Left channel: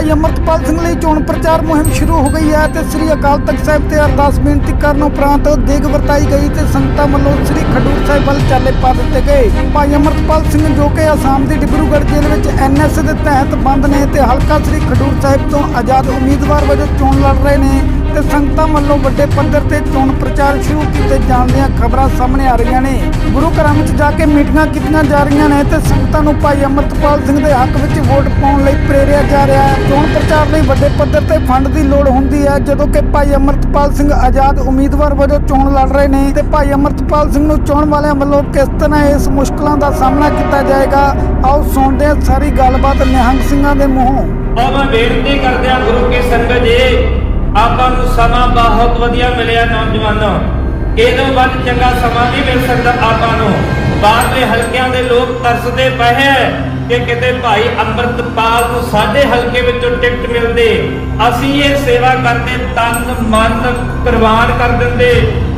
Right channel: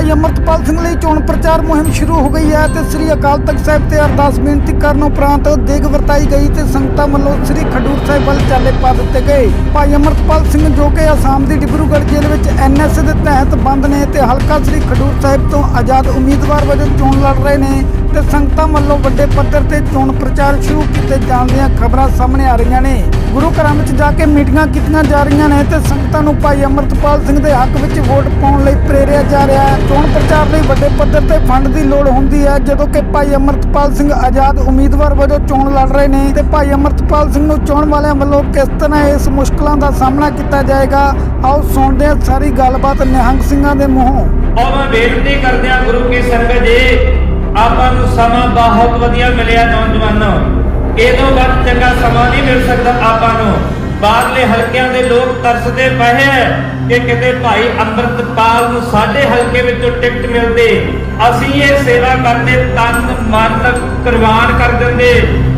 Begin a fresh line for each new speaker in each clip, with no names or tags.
ਭਾਈ ਅਮਰਤਪਾਲ ਸਿੰਘ ਲਈ ਚੋਣ ਪ੍ਰਚਾਰ ਮੁਹਿੰਮ ਸ਼ੁਰੂ ਹੋ ਗਈ ਹੈ ਤੇ ਸ੍ਰੀ ਅਕਾਲ ਤਖਤ ਸਾਹਿਬ ਤੇ ਅਰਦਾਸ ਬੇਨਤੀ ਕਰਨ ਉਪਰੰਤ ਦੇਗ ਵਰਤਾਈ ਗਈ ਤੇ ਸੰਗਤਾਂ ਵੱਲੋਂ ਸ੍ਰੀ ਖਡੂਰ ਸਾਹਿਬ ਵੱਲ ਚਾਲੇ ਪਾ ਦਿੱਤੇ ਗਏ। ਭਾਈ ਅਮਰਤਪਾਲ ਸਿੰਘ ਜੋ ਕਿ ਆਸਾਮ ਦੀ ਡਿਬਰੂਗੜ੍ਹ ਜੇਲ੍ਹ ਵਿੱਚ ਐਨਐਸ ਦੇ ਤਹਿਤ ਬੰਦ ਨੇ ਤੇ ਹਲਕਾ ਸ੍ਰੀ ਖਡੂਰ ਸਾਹਿਬ ਤੋਂ ਆਜ਼ਾਦ ਉਮੀਦਵਾਰ ਵਜੋਂ ਚੋਣ ਲੜ ਰਹੇ ਨੇ। ਤੇ ਸੰਗਤਾਂ ਵੱਲੋਂ ਵੱਡੇ ਪੱਧਰ ਤੇ ਚੋਣ ਪ੍ਰਚਾਰ ਸ਼ੁਰੂ ਕੀਤੇ ਜਾਣ ਦੀਆਂ ਖਬਰਾਂ ਸਾਹਮਣੇ ਆ ਰਹੀਆਂ ਨੇ। ਗੁਰੂ ਘਰਾਂ ਵਿੱਚ ਜਾ ਕੇ ਮੀਟਿੰਗਾਂ ਕੀਤੀਆਂ ਜਾ ਰਹੀਆਂ ਨੇ ਤੇ ਸੰਗਤਾਂ ਨੂੰ ਭਾਈ ਅਮਰਤਪਾਲ ਸਿੰਘ ਦੇ ਹੱਕ ਵਿੱਚ ਵੋਟ ਪਾਉਣ ਲਈ ਪ੍ਰੇਰਿਆ ਜਾ ਰਿਹਾ ਹੈ। ਚੋਣ ਪ੍ਰਚਾਰ ਲਈ ਵੱਡੇ ਪੱਧਰ ਤੇ ਫੰਡ ਦੀ ਲੋੜ ਹੁੰਦੀ ਹੈ, ਜਦੋਂ ਕਿ ਭਾਈ ਅਮਰਤਪਾਲ ਸਿੰਘ ਆਜ਼ਾਦ ਉਮੀਦਵਾਰ ਵਜੋਂ ਚੋਣ ਲੜ ਰਹੇ ਨੇ ਤੇ ਭਾਈ ਅਮਰਤਪਾਲ ਸਿੰਘ ਨੂੰ ਚੋਣ ਵਾਲਿਆਂ ਵੱਲੋਂ ਕਿਸ ਤਰ੍ਹਾਂ ਇਸ ਮੁਸ਼ਕਲਾਂ ਦਾ ਸਾਹਮਣਾ ਕੀਤਾ ਜਾਏਗਾ? ਆਓ ਸੁਣਦੇ ਹਾਂ ਸਾਰੀ ਗੱਲਬਾਤ ਨਿਹੰਗ ਸਿੰਘਾਂ ਦੇ ਮੂੰਹੋਂ।
ਔਰ ਮੈਂ ਬੇਨਤੀ ਕਰਦਿਆਂ ਗੁਰੂ ਕੀ ਸੰਗਤ ਜੀ ਆਪਾਂ ਨੂੰ ਸਮਾਂ ਬਹੁਤ ਵਧੀਆ ਮਿਲਿਆ ਨੌਜਵਾਨੋ। ਇਹਦੋਂ ਵੱਧ ਚੰਗਾ ਸਮਾਂ ਨਹੀਂ ਮਿਲ ਸਕਦਾ ਆਪਾਂ ਨੂੰ। ਬਾਹਰਲੇ ਹਲਕਿਆਂ ਦੇ ਲੋਕ ਤਰਸਦੇ ਪਏ ਐ ਕਿ ਕਿਤੇ ਭਾਈ ਅੰਮ੍ਰਿਤਪਾਲ ਨੂੰ ਸਾਡੇ ਹਲਕੇ ਵਿੱਚੋਂ ਟਿਕਟ ਮਿਲਦੇ। ਅਸੀਂ ਇਹ ਸੇਵਾ ਕਰਦੇ ਤਨ ਮਨ ਕੁਰਬਾਨ ਕਰ ਦਿੰਦੇ।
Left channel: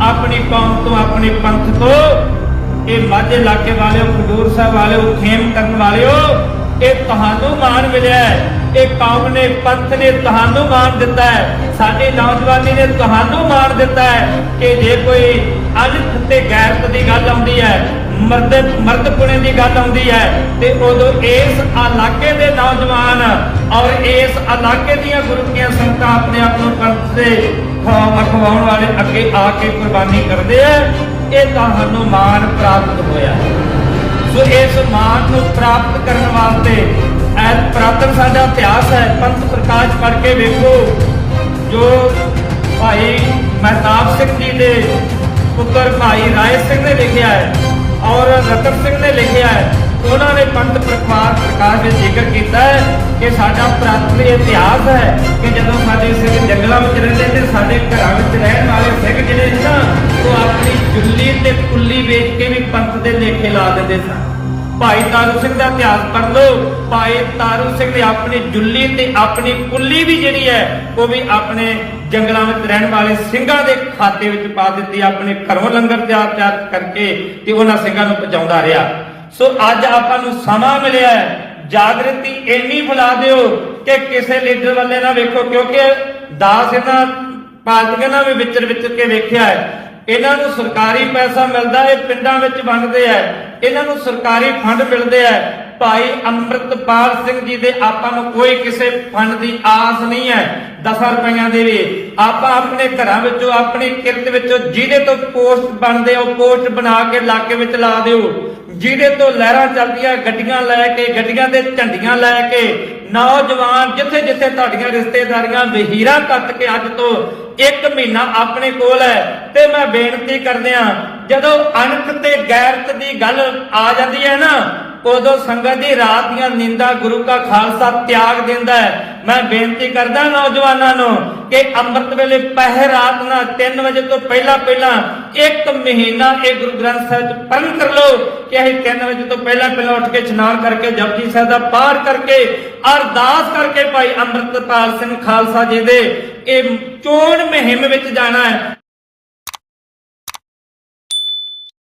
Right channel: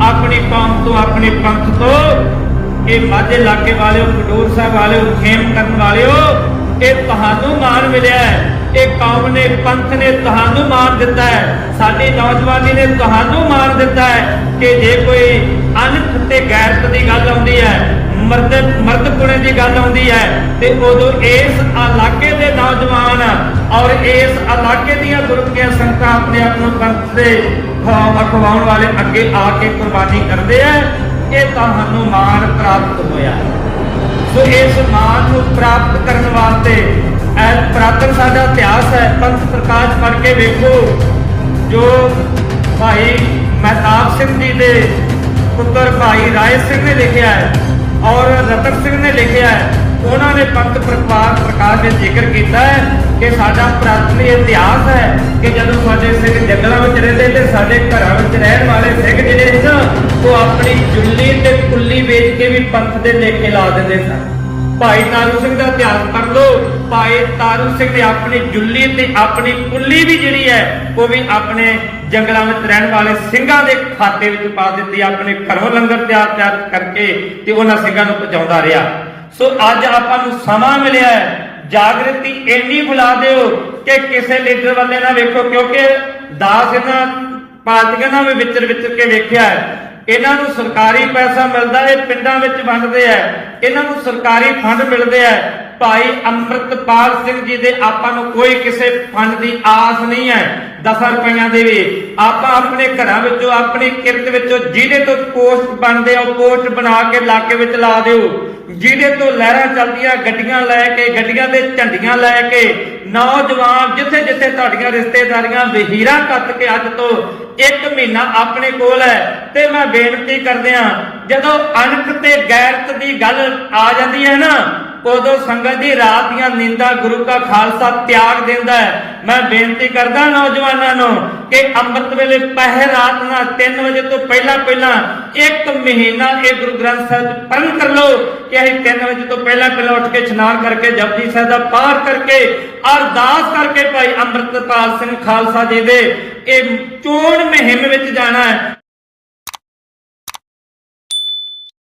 ਆਪਣੀ ਕੌਮ ਤੋਂ ਆਪਣੇ ਪੰਥ ਤੋਂ। ਇਹ ਮਾਝੇ ਇਲਾਕੇ ਵਾਲਿਓ, ਖਡੂਰ ਸਾਹਿਬ ਵਾਲਿਓ, ਖੇਮ ਕਰਨ ਵਾਲਿਓ, ਇਹ ਤੁਹਾਨੂੰ ਮਾਣ ਮਿਲਿਆ ਹੈ। ਇਹ ਕੌਮ ਨੇ ਪੰਥ ਨੇ ਤੁਹਾਨੂੰ ਮਾਣ ਦਿੱਤਾ ਹੈ। ਸਾਡੀ ਨੌਜਵਾਨੀ ਨੇ ਤੁਹਾਨੂੰ ਮਾਣ ਦਿੱਤਾ ਹੈ ਕਿ ਜੇ ਕੋਈ ਅਨਖ ਤੇ ਗੈਰਤ ਦੀ ਗੱਲ ਆਉਂਦੀ ਹੈ, ਮਰਦ ਮਰਦ ਦੀ ਗੱਲ ਆਉਂਦੀ ਹੈ, ਤੇ ਉਦੋਂ ਇਸ ਇਲਾਕੇ ਦੇ ਨੌਜਵਾਨ ਔਰ ਇਸ ਇਲਾਕੇ ਦੀਆਂ ਗੁਰਮਤੀਆਂ ਸੰਗਤਾਂ ਆਪਣੇ ਆਪ ਨੂੰ ਪੰਥ ਦੇ ਅਖਵਾਉਣ ਵਾਲੇ ਅੱਗੇ ਆ ਕੇ ਕੁਰਬਾਨੀ ਕਰਦੇ ਆ ਇਹ ਤੁਹਾਨੂੰ ਮਾਣ ਪ੍ਰਾਪਤ ਹੋਇਆ। ਸੋ ਇਸ ਮਾਨ ਨੂੰ ਪ੍ਰਾਪਤ ਕਰਨ ਵਾਸਤੇ ਐ ਪ੍ਰਾਤਨ ਸਾਡਾ ਇਤਿਹਾਸ ਹੈ, ਪੰਥ ਪ੍ਰਕਾਸ਼ ਪੜ੍ਹ ਵੇਖੋ। ਜੋ ਭਾਈ ਮਹਿਤਾਬ ਸਿੰਘ ਜੀ ਦੇ ਪੁੱਤਰ ਭਾਈ ਰਾਏ ਸਿੰਘ ਨੇ ਲਿਖਿਆ ਹੈ ਔਰ ਰਤਨ ਸਿੰਘ ਨੇ ਲਿਖਿਆ ਹੈ, ਉਹਨਾਂ ਨੇ ਪੰਥ ਪ੍ਰਕਾਸ਼ ਪ੍ਰਕਾਸ਼ ਦੇ ਜ਼ਿਕਰ ਕੀਤਾ ਹੈ ਕਿ ਸਾਡਾ ਪ੍ਰਾਤਨ ਇਤਿਹਾਸ ਹੈ ਕਿ ਜਦੋਂ ਸਾਡੇ ਸਿੰਘ ਜੰਗਲਾਂ ਵਿੱਚ ਰਹਿੰਦੇ ਤੇ ਸਾਡੇ ਘਰਾਂ ਵਿੱਚ ਰਹਿਣ ਵਾਲੇ ਸਿੰਘ ਜਿਹੜੇ ਸੀ ਨਾ, ਉਹ ਆਪਣੀ ਜੁੱਲੀ ਤੇ ਕੁੱਲੀ ਵੇਚ ਕੇ ਵੀ ਪੰਥ ਦੇ ਲੇਖੇ ਲਾ ਦਿੰਦੇ ਸਨ। ਭਾਈ ਤਾਰੂ ਸਿੰਘ ਦਾ ਇਤਿਹਾਸ ਪੜ੍ਹ ਲਓ। ਭਾਈ ਤਾਰੂ ਸਿੰਘ ਨੇ ਆਪਣੀ ਜੁੱਲੀ ਤੇ ਆਪਣੀ ਕੁੱਲੀ ਵੀ ਜਿਹੜੀ ਹੈ, ਉਹ ਵੀ ਆਪਣੇ ਜੰਗਲਾਂ ਵਿੱਚ ਰਹਿਣ ਵਾਲੇ ਸਿੰਘਾਂ ਦੇ ਖਾਤੇ ਵਿੱਚ ਪਾ ਦਿੱਤੀ, ਆਪਣੇ ਘਰੋਂ ਲੰਗਰ ਤਿਆਰ ਤਿਆਰ ਕਰਕੇ ਤੇ ਉਹਨਾਂ ਸਿੰਘਾਂ ਨੂੰ ਪਹੁੰਚਾਉਂਦਾ ਰਿਹਾ। ਸੋ ਅੱਜ ਆਪਾਂ ਨੂੰ ਸਮਾਂ ਮਿਲਿਆ ਹੈ। ਜਾਗਰਤੀ ਇੰਨੀ ਬੁਲਾ ਦਿਓ ਕਿ ਕਿਸੇ ਲੀਡਰ ਵੱਲੇ ਨਾ ਵੇਖੋ, ਕਿਉਂਕਿ ਦਾਸ ਇਹਨਾਂ ਪਾਰਟੀਆਂ ਨਾਲ ਵੀ ਵਿਚਰ ਵਿਚਰ ਕੇ ਵੇਖਿਆ ਹੈ। ਇਹਨਾਂ ਨੂੰ ਸਰਕਾਰੀ ਪੈਸਾ ਮਿਲਦਾ ਇਹ ਪਿੰਡਾਂ ਵਿੱਚ ਵੰਡਦੇ ਆ ਇਹਨਾਂ ਨੂੰ ਸਰਕਾਰੀ ਫੰਡ ਮਿਲਦੇ ਆ। ਭਾਈ ਅੰਮ੍ਰਿਤਪਾਲ ਸਿੰਘ ਜੀ ਦੇ ਆਪਾਂ ਨੂੰ ਕੋਈ ਕਿਸੇ ਫੰਡ ਦੀ ਆਸ ਨਹੀਂ ਹੈ। 10 ਰੁਪਈਆਂ ਦੇ ਵੀ। ਆਪਾਂ ਆਪਣੇ ਘਰਾਂ ਵਿੱਚੋਂ, ਆਪਣੀ ਕਿਰਤ ਵਿੱਚੋਂ ਜਿਹਦੇ ਤੋਂ ਪੋਸਟ ਬਣਦੇ ਆ ਪੋਸਟ ਬਣਾ ਕੇ ਇਲਾਕੇ ਵਿੱਚ ਲਾ ਦਿਓ। ਜਿਹਦੇ ਤੋਂ ਲਹਿਰਾਂ ਚੱਲਦੀਆਂ, ਗੱਡੀਆਂ ਲੈ ਕੇ, ਗੱਡੀਆਂ ਦੇ ਝੰਡੀਆਂ ਲੈ ਕੇ, ਨੌਜਵਾਨ ਜਿੱਥੇ ਜਿੱਥੇ ਤੁਹਾਡੀਆਂ ਰਿਸ਼ਤੇਦਾਰੀਆਂ ਵਹੀਰਾ ਕੱਤ ਕੇ ਅੱਜ ਤੋਂ ਇੱਕ ਮਹੀਨਾ ਆਪਣੇ ਕੋਲ ਹੈ। ਤੇ ਮੈਂ ਬੇਨਤੀ ਕਰਦਿਆਂ, ਜਦੋਂ ਅਣਖ ਤੇ ਗੈਰਤ ਦੀ ਗੱਲ ਆ ਜਾਂਦੀ ਹੈ ਨਾ ਉਦੋਂ ਸੰਗਤ ਦੀ ਰਾਤ ਦੀਆਂ ਨੀਂਦਾਂ ਗੁਰੂ ਦਾ ਖਾਲਸਾ ਤਿਆਗ ਦਿੰਦਾ ਹੈ। ਮੈਂ ਬੇਨਤੀ ਕਰਦਾ ਨੌਜਵਾਨਾਂ ਨੂੰ ਕਿ ਅੰਮ੍ਰਿਤ ਵੇਲੇ ਪਹਿਰ ਰਾਤ ਨਾਲ 3 ਵਜੇ ਤੋਂ ਪਹਿਲਾਂ ਪਹਿਲਾਂ ਇੱਕ ਮਹੀਨਾ ਇਹ ਗੁਰੂ ਗ੍ਰੰਥ ਸਾਹਿਬ ਚ ਕਰ ਲਓ ਕਿ ਅਸੀਂ 3 ਵਜੇ ਤੋਂ ਪਹਿਲਾਂ ਪਹਿਲਾਂ ਉੱਠ ਕੇ ਇਸ਼ਨਾਨ ਕਰਕੇ ਜਪਜੀ ਸਾਹਿਬ ਦਾ ਪਾਠ ਕਰਕੇ, ਅਰਦਾਸ ਕਰਕੇ ਭਾਈ ਅੰਮ੍ਰਿਤਪਾਲ ਸਿੰਘ ਖਾਲਸਾ ਜੀ ਦੇ ਇਹ ਚੋਣ ਮੁਹਿੰਮ ਵਿੱਚ ਜਾਣਾ ਹੈ।